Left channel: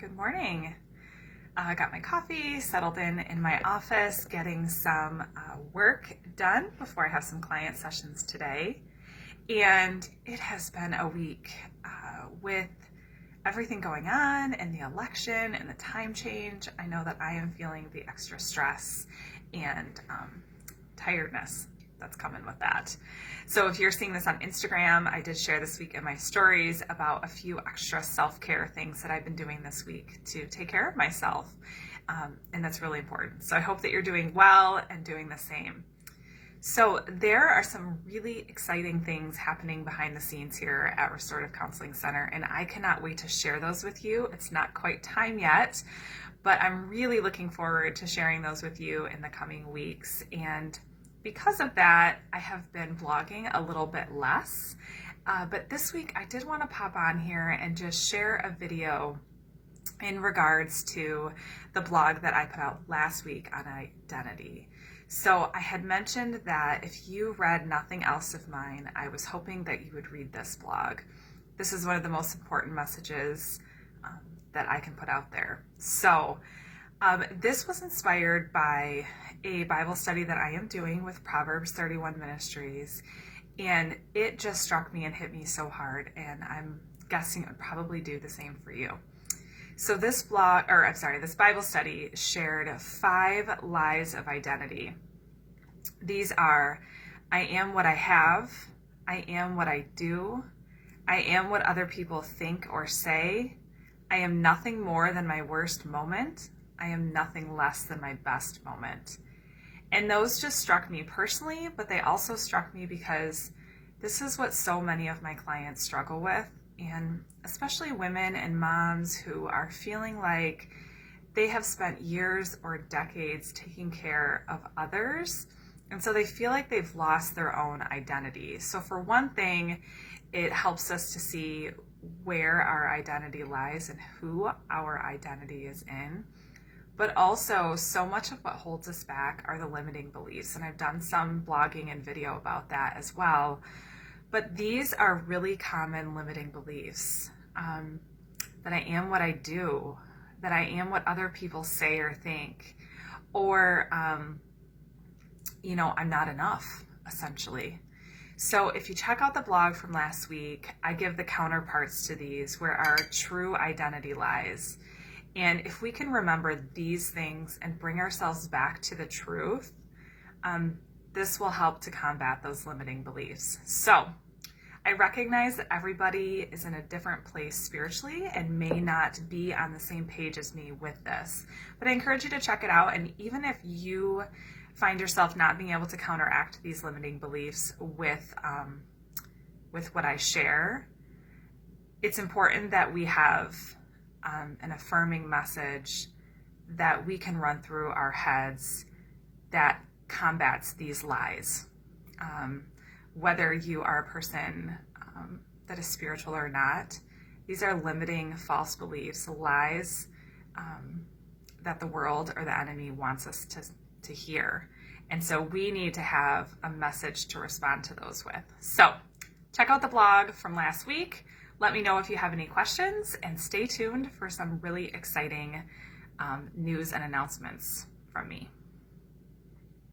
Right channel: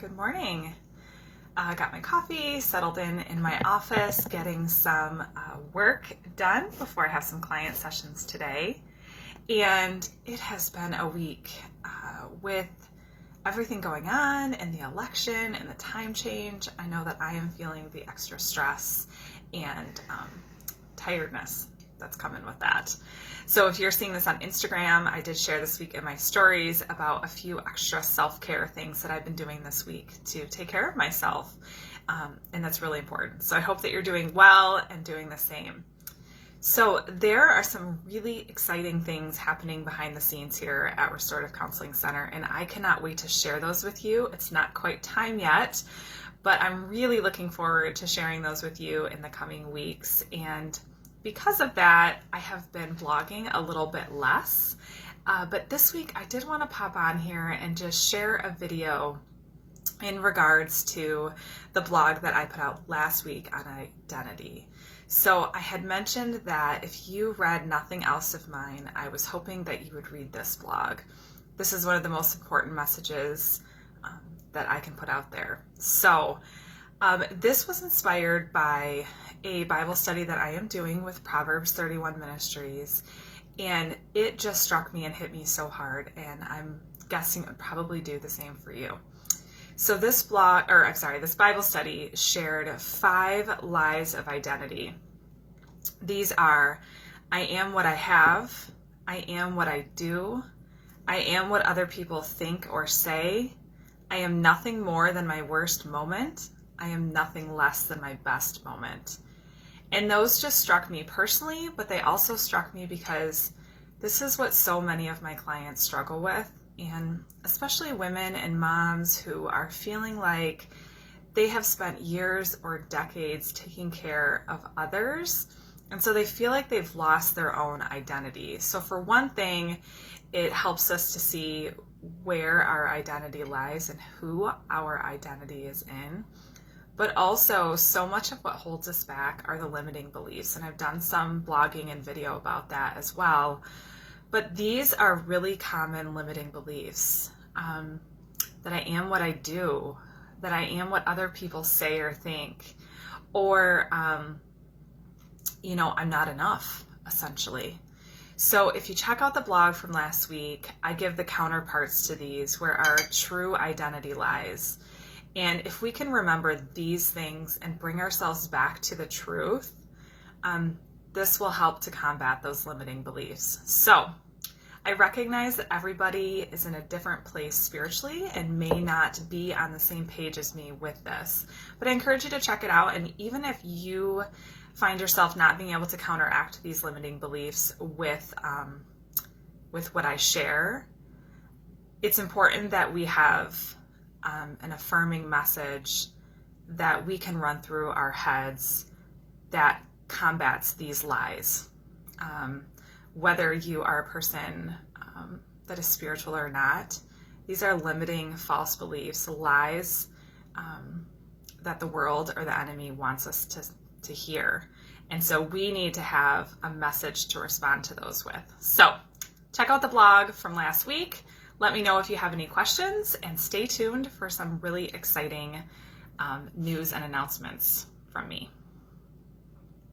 Good morning. I got my coffee, settled in my office, getting some work done before I have some client sessions today. And it has been a week with everything going on and the election and the time change. I know that I am feeling the extra stress and tiredness that's coming with that. So if you're seeing this on Instagram, I did share this week in my stories about a few extra self-care things that I've been doing this week to take care of myself. And that's really important. So I hope that you're doing well and doing the same. So there are some really exciting things happening behind the scenes here at Restorative Counseling Center, and I cannot wait to share those with you. It's not quite time yet, but I'm really looking forward to sharing those with you in the coming weeks. And because of that, I have been blogging a little bit less, but this week I did want to pop on here and just share a video in regards to the blog that I put out last week on identity. So I had mentioned that if you read nothing else of mine, I was hoping that you would read this blog. This is one of the most important messages that I can put out there. So this was inspired by a Bible study that I am doing with Proverbs 31 Ministries, and it just struck me and hit me so hard, and I'm guessing it would probably do the same for you. So this this Bible study shared 5 lies of identity. These are: I am what I have, I am what I do, I am what other people think or say, I am nothing more than my worst moment, I am nothing less than my best moment. And those just struck me personally, but they also struck me because this is what so many of my clients struggle with, and especially women and moms who are feeling like they have spent years or decades taking care of others, and so they feel like they've lost their own identity. So for one thing, it helps us to see where our identity lies and who our identity is in. But also, so much of what holds us back are the limiting beliefs. And I've done some blogging and video about that as well. But these are really common limiting beliefs. That I am what I do, that I am what other people say or think, or, I'm not enough, essentially. So if you check out the blog from last week, I give the counterparts to these where our true identity lies. And if we can remember these things and bring ourselves back to the truth, this will help to combat those limiting beliefs. So I recognize that everybody is in a different place spiritually and may not be on the same page as me with this, but I encourage you to check it out. And even if you find yourself not being able to counteract these limiting beliefs with what I share, it's important that we have an affirming message that we can run through our heads that combats these lies. Whether you are a person that is spiritual or not, these are limiting false beliefs, lies that the world or the enemy wants us to hear. And so we need to have a message to respond to those with. So check out the blog from last week. Let me know if you have any questions, and stay tuned for some really exciting news and announcements from me.